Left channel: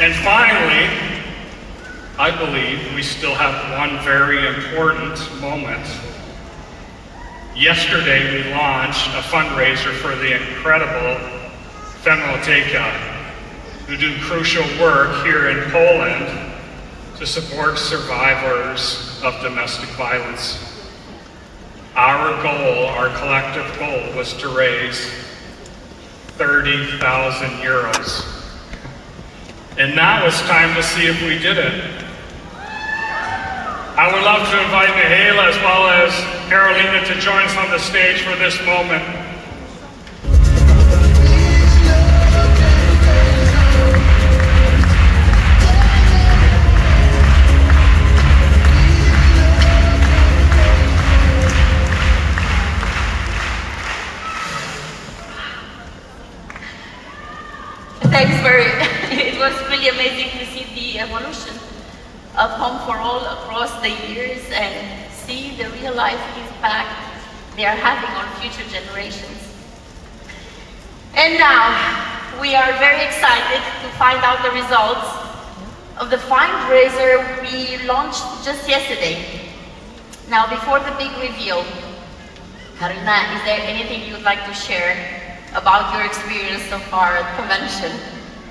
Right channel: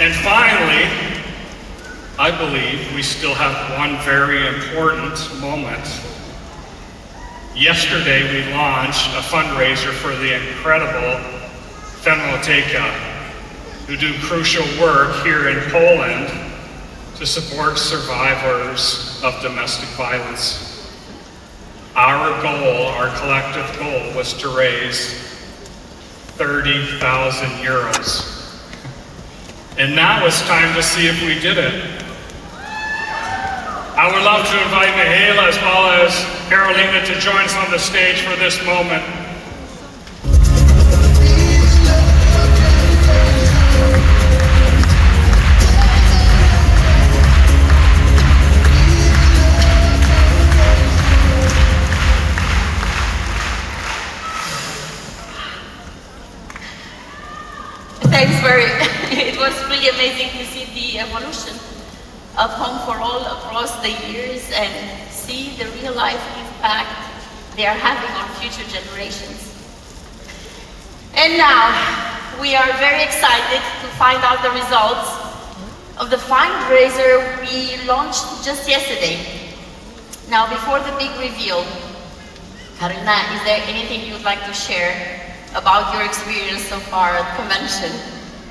And finally, I believe we still have one very important moment. Yesterday we launched a fundraiser for the incredible Femoteka, who do crucial work here in Poland to support survivors of domestic violence. Our goal, our collective goal, was to raise 30,000 euros. And now it's time to see if we did it. I would love to invite Mihaela as well as Carolina to join us on the stage for this moment. Thanks for it. It was really amazing to see the evolution of Home for All across the years and see the real life impact they are having on future generations. And now we are very excited to find out the results of the fundraiser we launched just yesterday. Now, before the big reveal, Karina, is there anything you'd like to share about your experience so far at convention?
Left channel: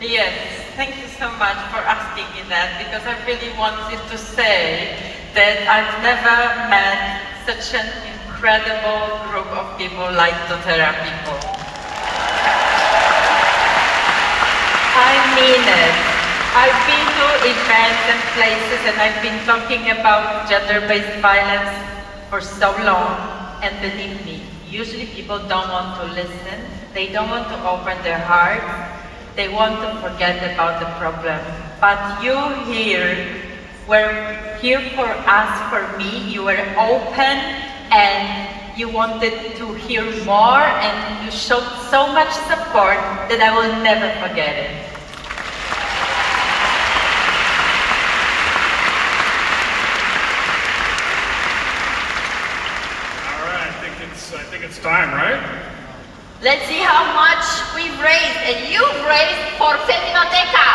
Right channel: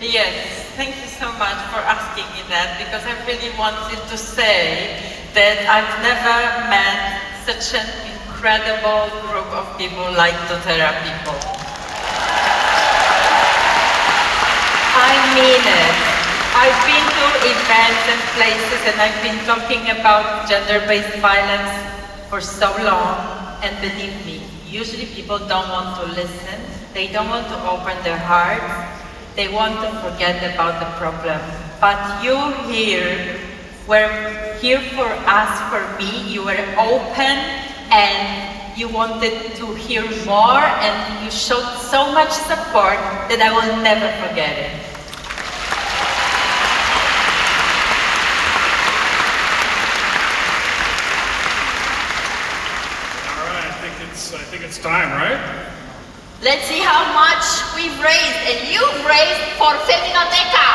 Yes, thank you so much for asking me that, because I really wanted to say that I've never met such an incredible group of people like doTERRA people. I mean it. I've been to events and places and I've been talking about gender-based violence for so long, and believe me, usually people don't want to listen, they don't want to open their hearts, they want to forget about the problem. But you here were here for us, for me, you were open and you wanted to hear more and you showed so much support that I will never forget it. All right, I think it's time, right? Let's see how much we've raised and you've raised for Femoteka.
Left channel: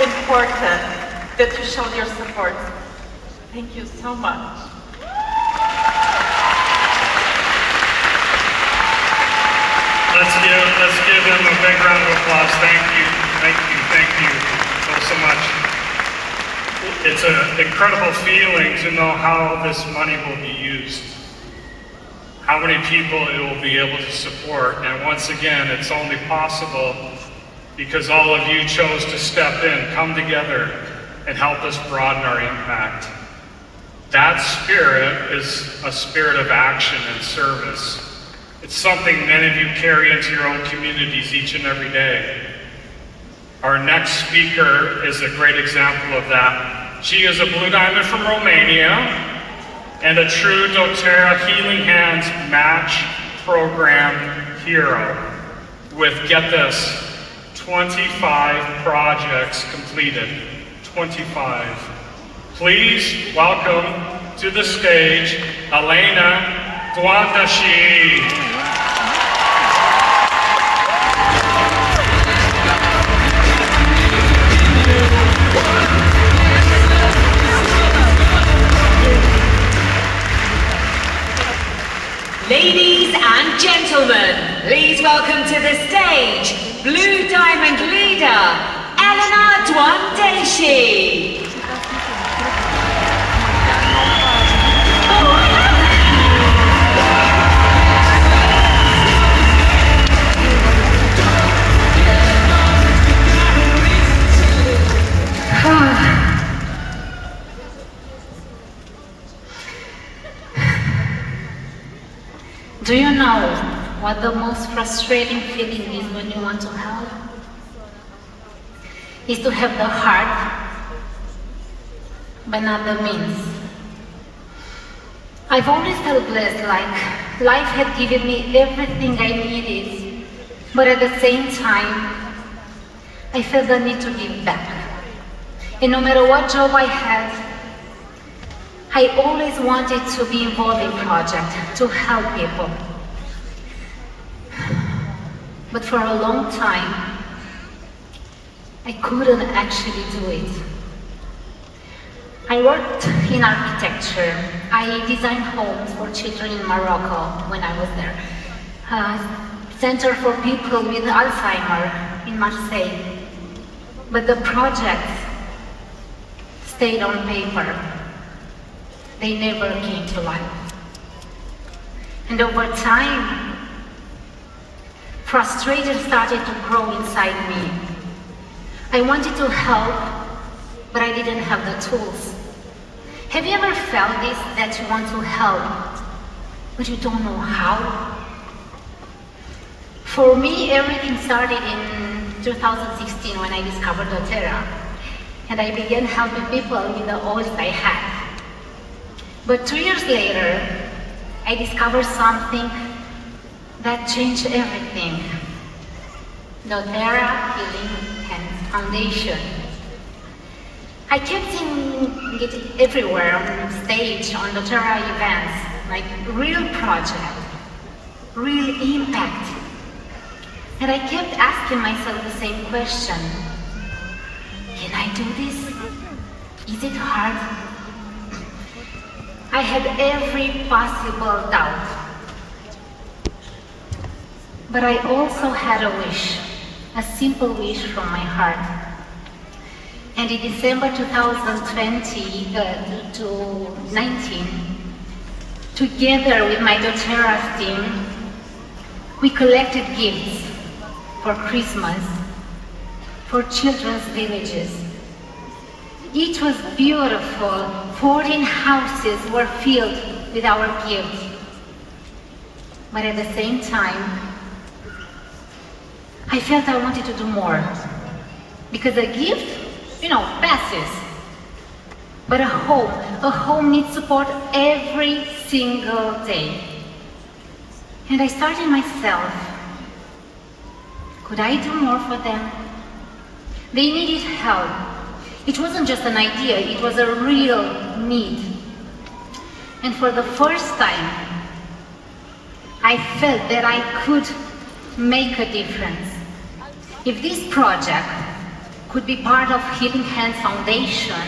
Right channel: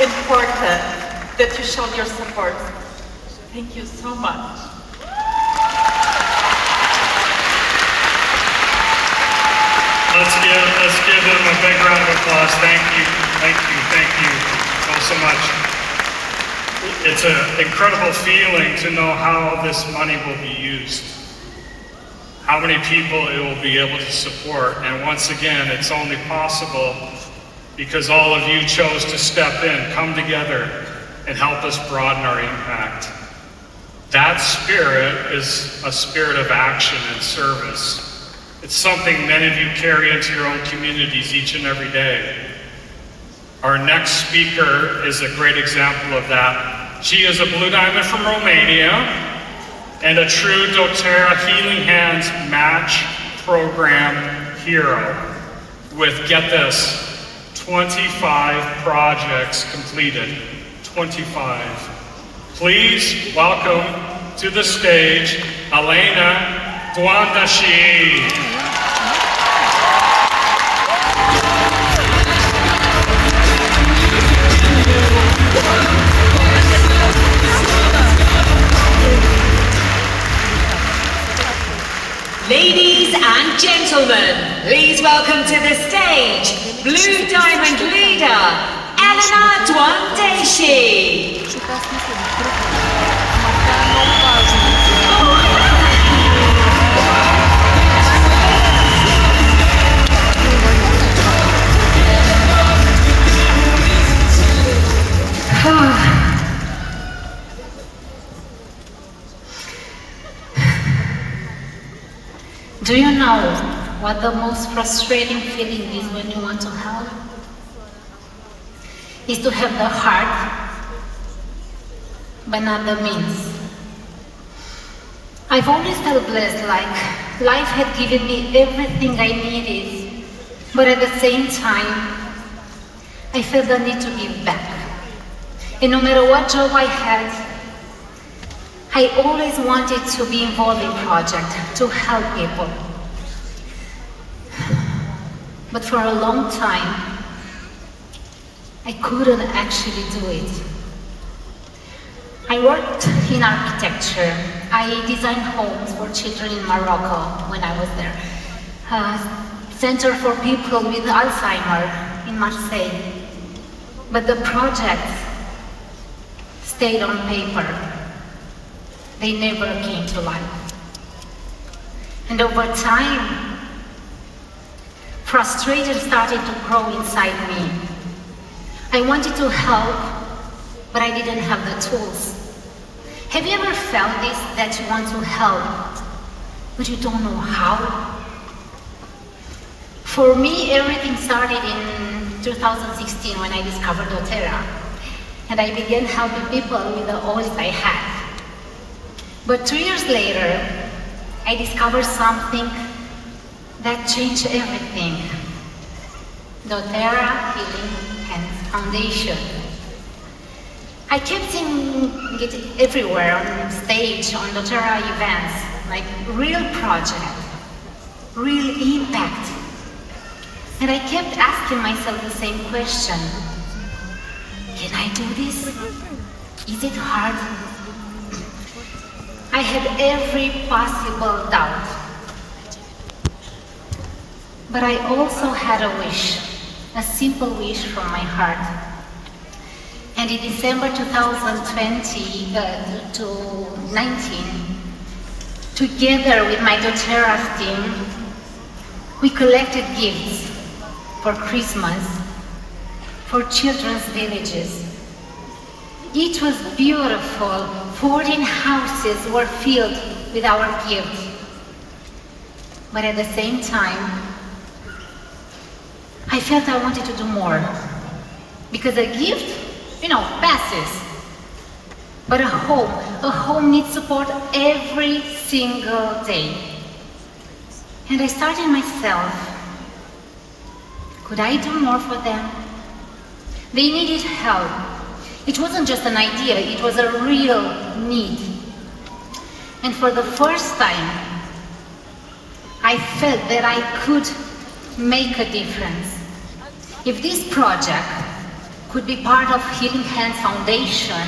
Important that you showed your support. Thank you so much. Let's give them a big round of applause. Thank you so much. It's an incredible feeling to know how this money will be used, how many people it will be able to support, and once again, it's only possible because all of you chose to step in, come together, and help us broaden our impact. That spirit is a spirit of action and service. It's something many of you carry into your own communities each and every day. Our next speaker is a great example of that. She is a Blue Diamond from Romania and a true doTERRA Healing Hands Match Program hero with, get this, 25 projects completed. 25. Please welcome to the stage Elena Doandesi. Ladies and gentlemen, please welcome to the stage Blue Diamond leader, Elena Doandesi. Do you know what the most frustrating feeling is when you want to help? Is to have the heart, but not the means. I've always felt blessed, like life had given me everything I needed, but at the same time, I felt the need to give back. And no matter what job I had, I always wanted to be involved in projects, to help people. But for a long time, I couldn't actually do it. I worked in architecture. I designed homes for children in Morocco when I was there. Center for people with Alzheimer in Marseille. But the projects stayed on paper. They never came to life. And over time, frustration started to grow inside me. I wanted to help, but I didn't have the tools. Have you ever felt this, that you want to help, but you don't know how? For me, everything started in 2016 when I discovered doTERRA, and I began helping people with the oils I had. But 2 years later, I discovered something that changed everything. doTERRA Healing Hands Foundation. I kept seeing it everywhere, on stage, on doTERRA events, like real project, real impact. And I kept asking myself the same question. Can I do this? Is it hard? I had every possible doubt. But I also had a wish, a simple wish from my heart. And in December 2020 to 19, together with my doTERRA team, we collected gifts for Christmas for children's villages. It was beautiful. 14 houses were filled with our gifts. But at the same time, I felt I wanted to do more. Because a gift, passes. But a home needs support every single day. And I started myself. Could I do more for them? They needed help. It wasn't just an idea, it was a real need. And for the first time, I felt that I could make a difference. If this project could be part of Healing Hands Foundation,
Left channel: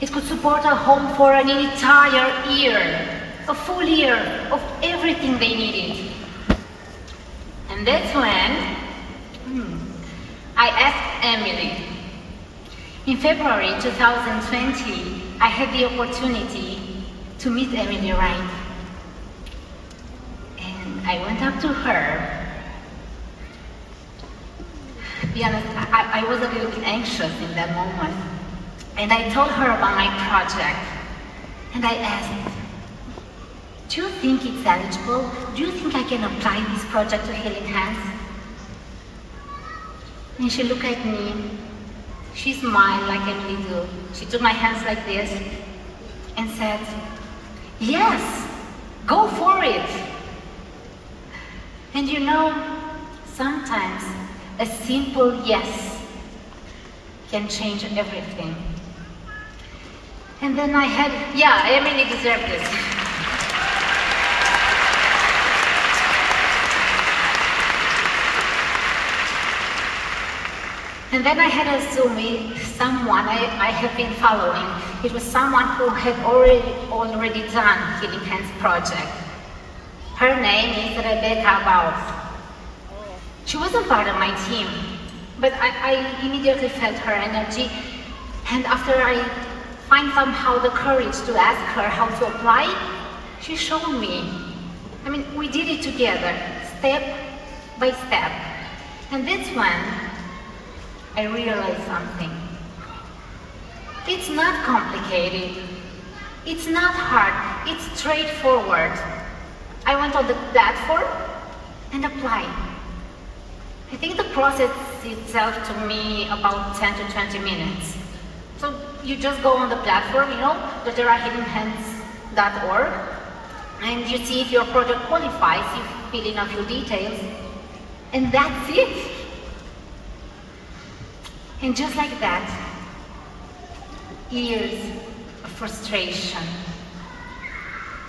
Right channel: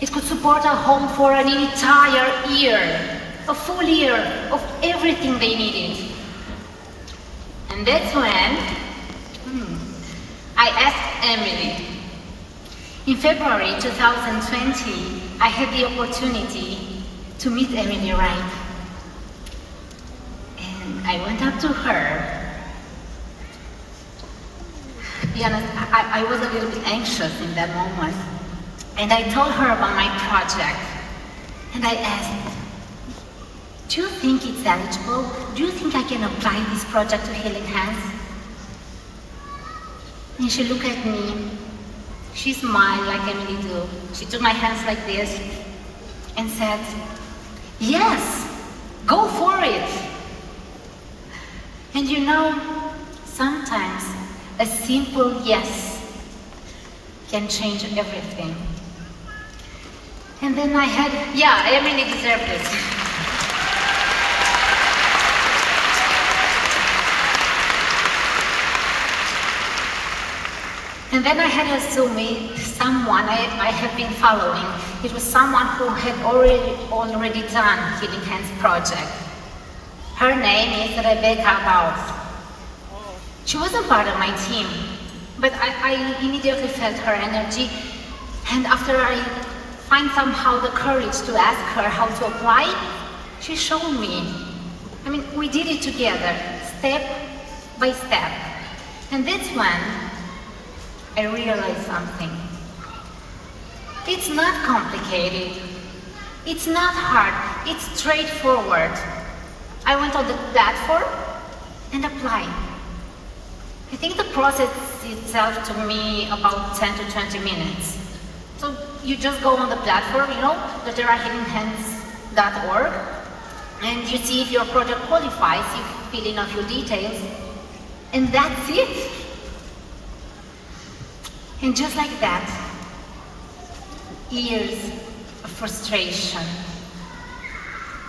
it could support a home for an entire year, a full year of everything they needed. And that's when I asked Emily. In February 2020, I had the opportunity to meet Emily Wright. And I went up to her. To be honest, I was a little bit anxious in that moment. And I told her about my project. And I asked, do you think it's eligible? Do you think I can apply this project to Healing Hands? And she looked at me. She smiled like Emily do. She took my hands like this and said, yes, go for it. And sometimes a simple yes can change everything. And then I had, Emily deserved this. And then I had a Zoom with someone I have been following. It was someone who had already done Healing Hands project. Her name is Rebecca Baus. She wasn't part of my team, but I immediately felt her energy. And after I find somehow the courage to ask her how to apply, she showed me. We did it together, step by step. And that's when I realized something. It's not complicated. It's not hard. It's straightforward. I went on the platform and applied. I think the process itself took me about 10 to 20 minutes. So you just go on the platform, doTERRAhiddenhands.org, and you see if your project qualifies, you fill in a few details, and that's it. And just like that, years of frustration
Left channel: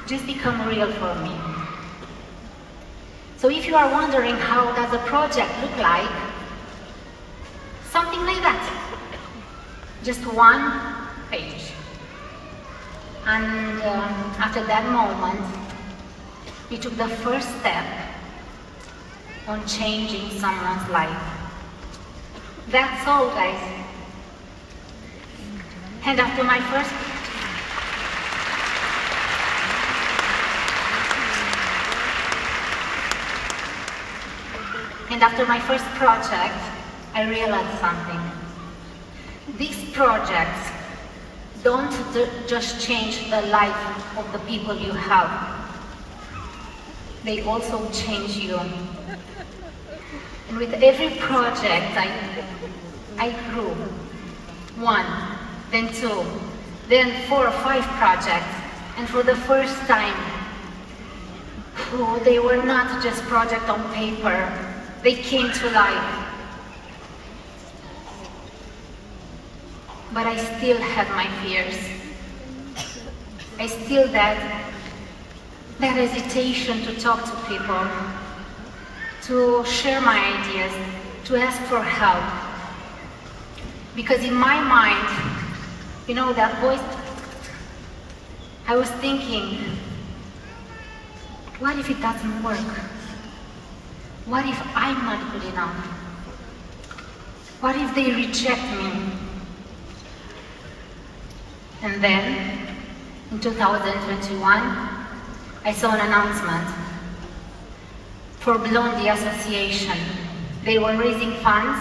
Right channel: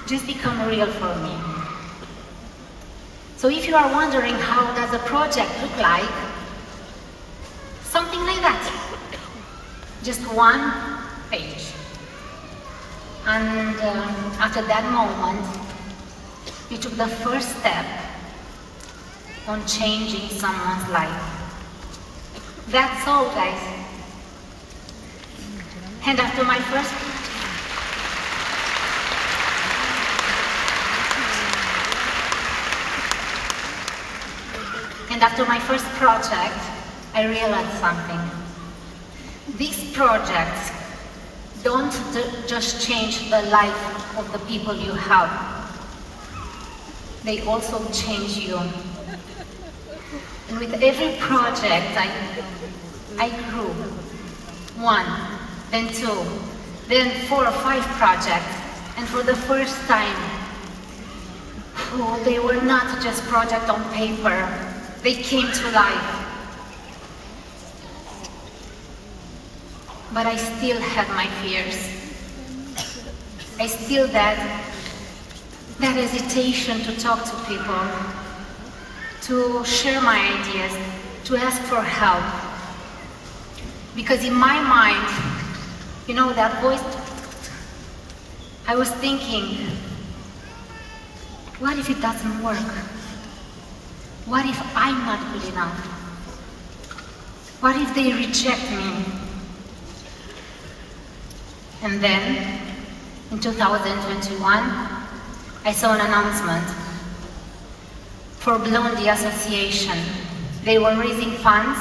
just become real for me. So if you are wondering how does a project look like, something like that. Just one page. And after that moment, we took the first step on changing someone's life. That's all, guys. And after my first project, I realized something. These projects don't just change the life of the people you have. They also change you. And with every project, I grew. 1, then 2, then 4 or 5 projects. And for the first time, they were not just projects on paper. They came to life. But I still had my fears. I still had that hesitation to talk to people, to share my ideas, to ask for help. Because in my mind, that voice, I was thinking, what if it doesn't work? What if I'm not good enough? What if they reject me? And then, in 2021, I saw an announcement for Blondie Association. They were raising funds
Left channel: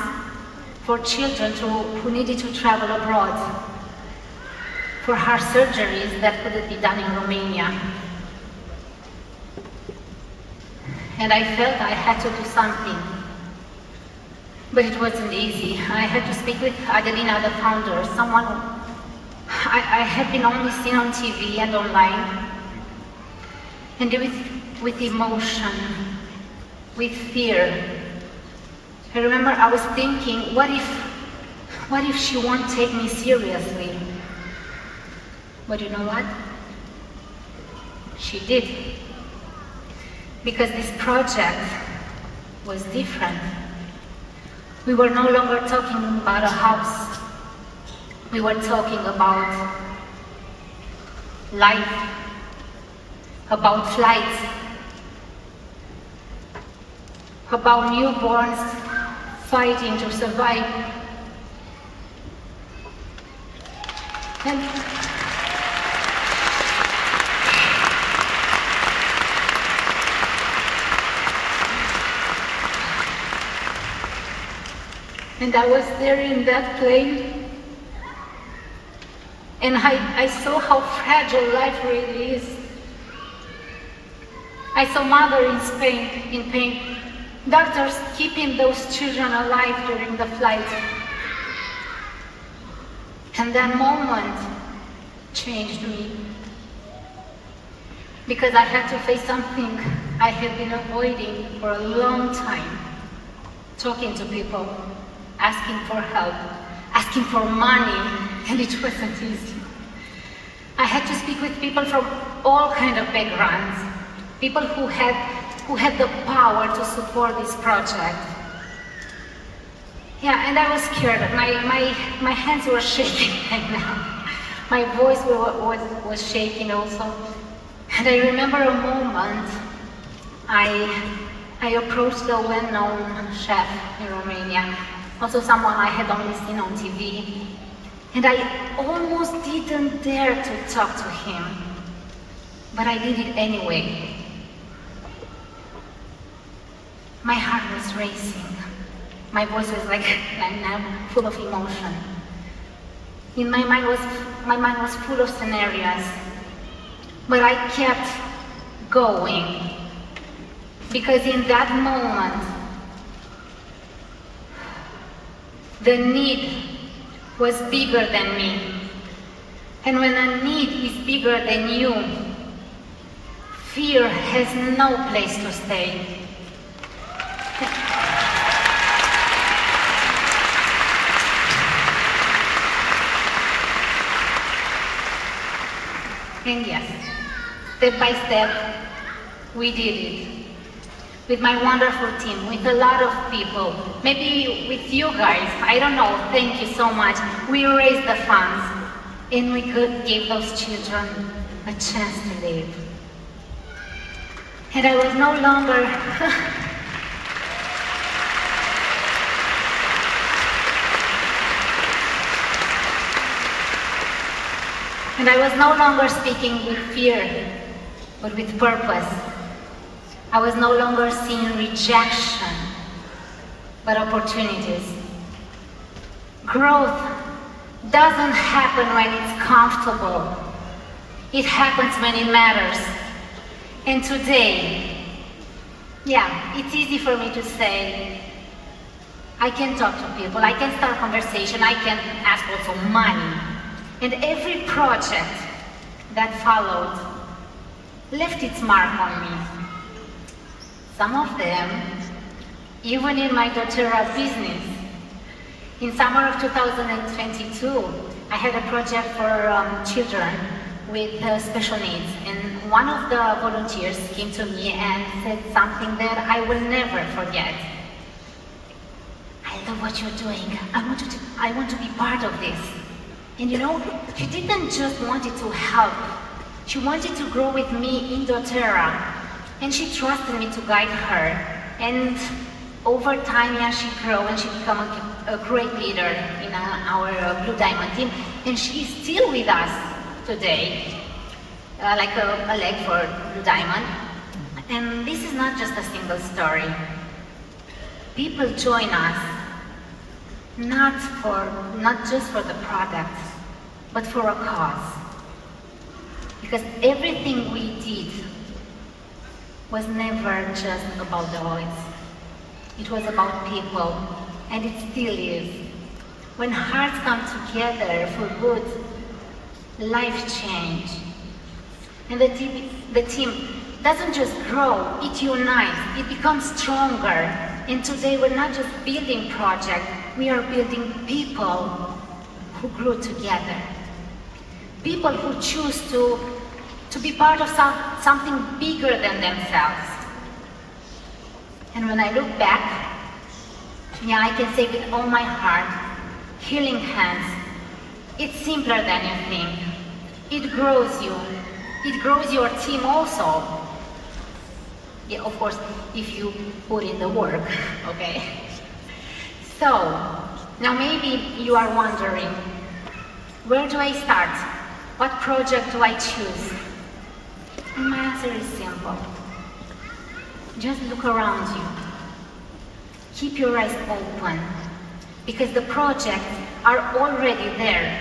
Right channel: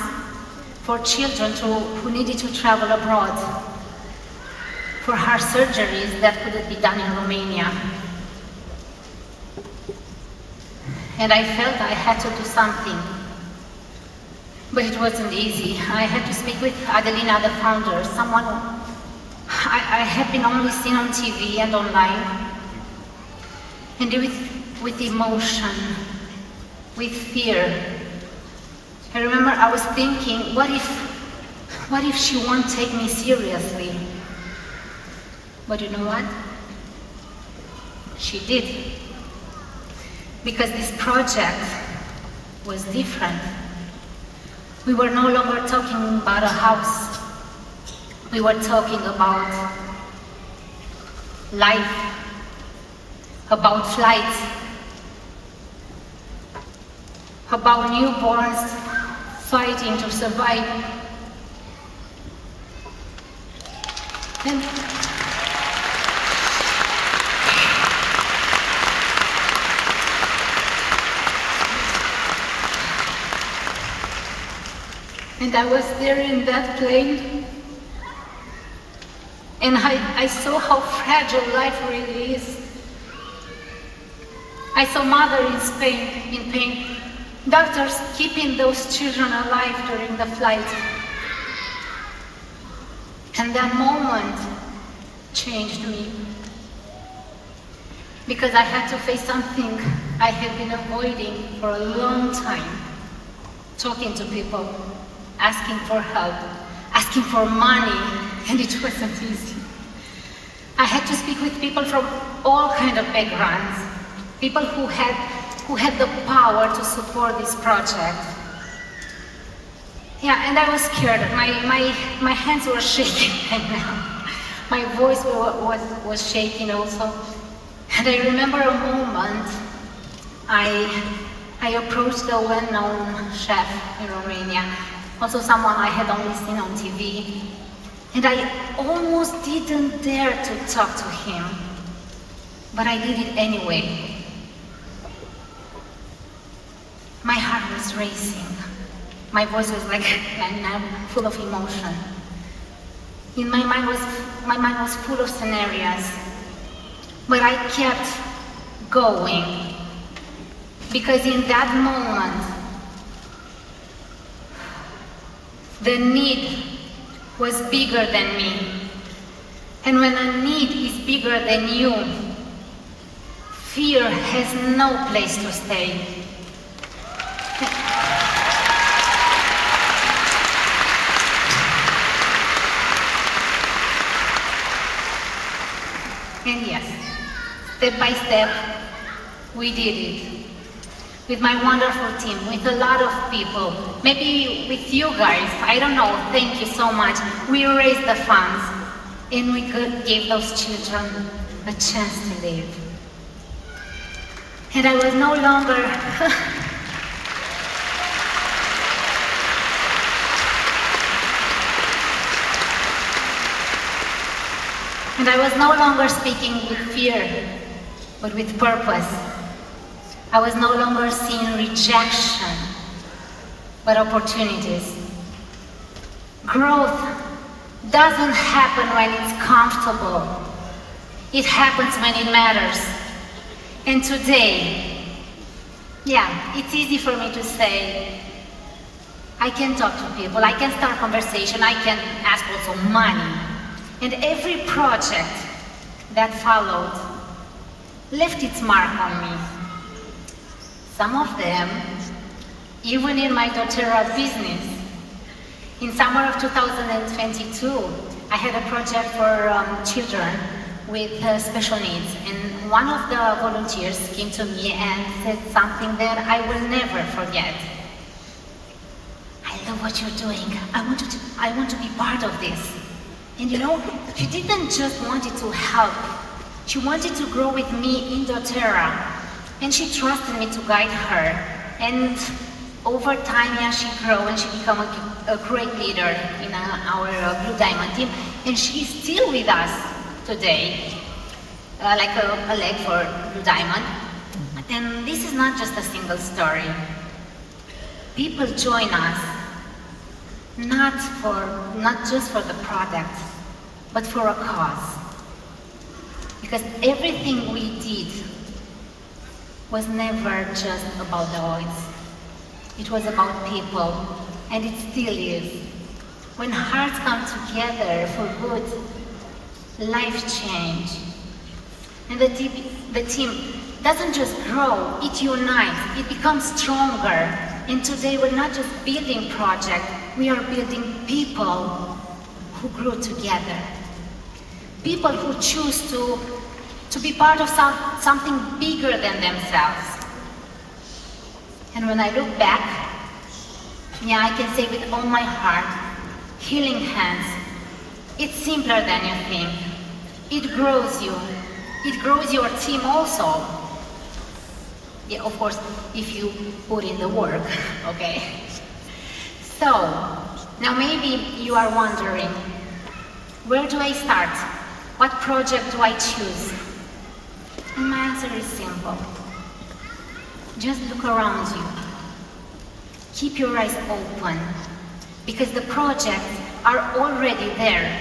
for children who needed to travel abroad for heart surgeries that couldn't be done in Romania. And I felt I had to do something. But it wasn't easy. I had to speak with Adelina, the founder, someone I had been only seen on TV and online. And with emotion, with fear. I remember I was thinking, what if she won't take me seriously? But you know what? She did. Because this project was different. We were no longer talking about a house. We were talking about life, about flights, about newborns fighting to survive. And I was there in that plane, and I saw how fragile life really is. I saw mother in pain, doctors keeping those children alive during the flight. And that moment changed me, because I had to face something I had been avoiding for a long time. Talking to people, asking for help, asking for money, and it wasn't easy. I had to speak with people from all kinds of backgrounds, people who had the power to support this project. Yeah, and I was scared. My hands were shaking, and my voice was shaking also. And I remember a moment I approached the well-known chef in Romania, also someone I had only seen on TV, and I almost didn't dare to talk to him, but I did it anyway. My heart was racing. My voice was like, and I'm full of emotion. My mind was full of scenarios, but I kept going because in that moment, the need was bigger than me. And when a need is bigger than you, fear has no place to stay. And yes, step by step, we did it. With my wonderful team, with a lot of people, maybe with you guys, I don't know, thank you so much. We raised the funds and we gave those children a chance to live. And I was no longer and I was no longer speaking with fear, but with purpose. I was no longer seeing rejection, but opportunities. Growth doesn't happen when it's comfortable. It happens when it matters. And today, yeah, it's easy for me to say, I can talk to people, I can start conversation, I can ask also money. And every project that followed left its mark on me. Some of them, even in my doTERRA business. In summer of 2022, I had a project for children with special needs, and one of the volunteers came to me and said something that I will never forget. I love what you're doing. I want to be part of this. And you know, she didn't just want it to help. She wanted to grow with me in doTERRA. And she trusted me to guide her. And over time, yeah, she grew and she became a great leader in our Blue Diamond team. And she's still with us today, like a leg for Blue Diamond. And this is not just a single story. People join us not just for the product, but for a cause. Because everything we did was never just about the oils. It was about people, and it still is. When hearts come together for good, life change. And the team doesn't just grow, it unites, it becomes stronger. And today we're not just building projects, we are building people who grew together. People who choose to be part of something bigger than themselves. And when I look back, yeah, I can say with all my heart, healing hands, it's simpler than you think. It grows you. It grows your team also. Yeah, of course, if you put in the work, okay? So, now maybe you are wondering, where do I start? What project do I choose? And my answer is simple. Just look around you. Keep your eyes open, because the projects are already there.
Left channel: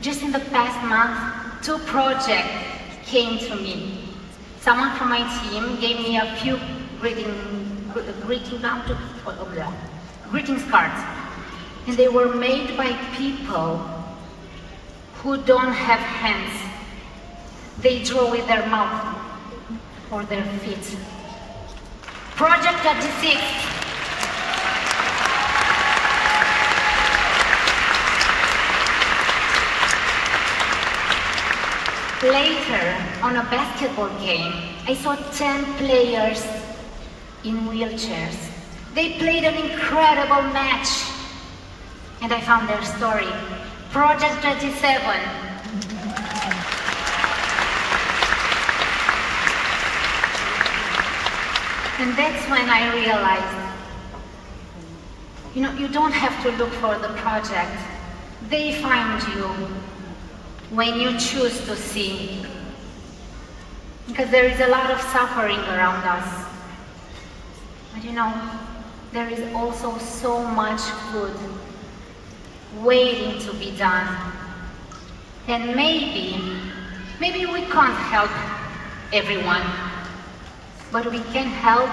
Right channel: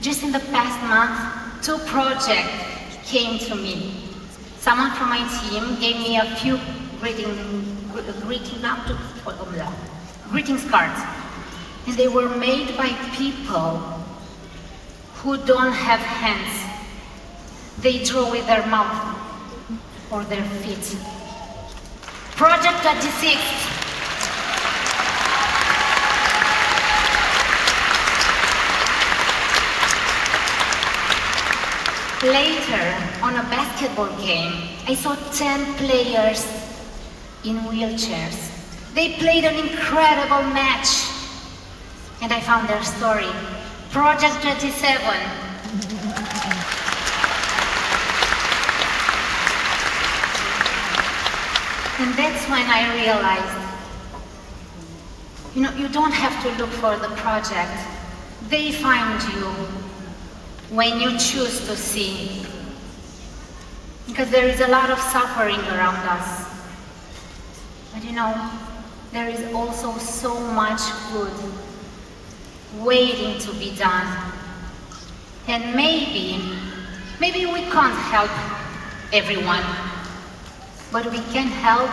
Just in the past month, 2 projects came to me. Someone from my team gave me a few greetings cards, and they were made by people who don't have hands. They draw with their mouth or their feet. Project 26. Later, on a basketball game, I saw 10 players in wheelchairs. They played an incredible match. And I found their story. Project 27. And that's when I realized, you don't have to look for the project. They find you when you choose to see. Because there is a lot of suffering around us. But there is also so much good waiting to be done. And maybe we can't help everyone, but we can help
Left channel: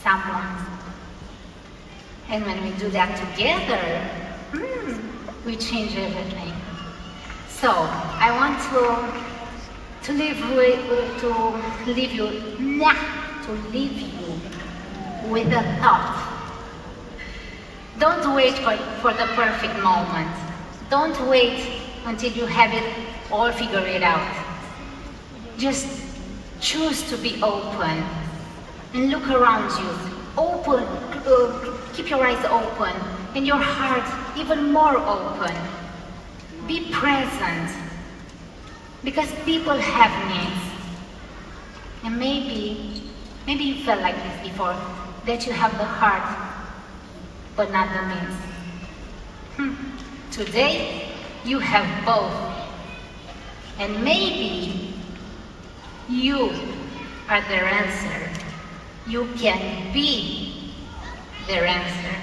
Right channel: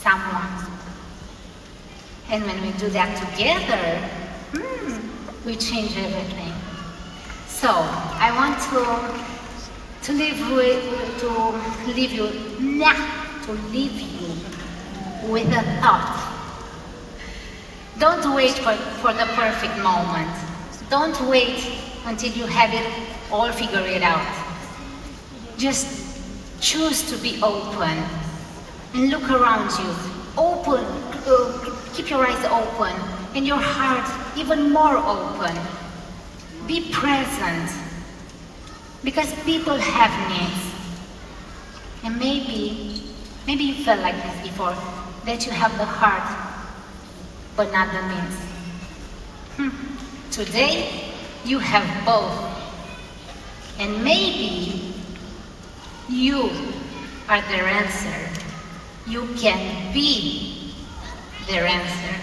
someone. And when we do that together, we change everything. So I want to leave you with a thought. Don't wait for the perfect moment. Don't wait until you have it all figured out. Just choose to be open and look around you. Keep your eyes open and your heart even more open. Be present, because people have needs. And maybe you felt like this before, that you have the heart, but not the means. Today, you have both. And maybe you are their answer. You can be their answer.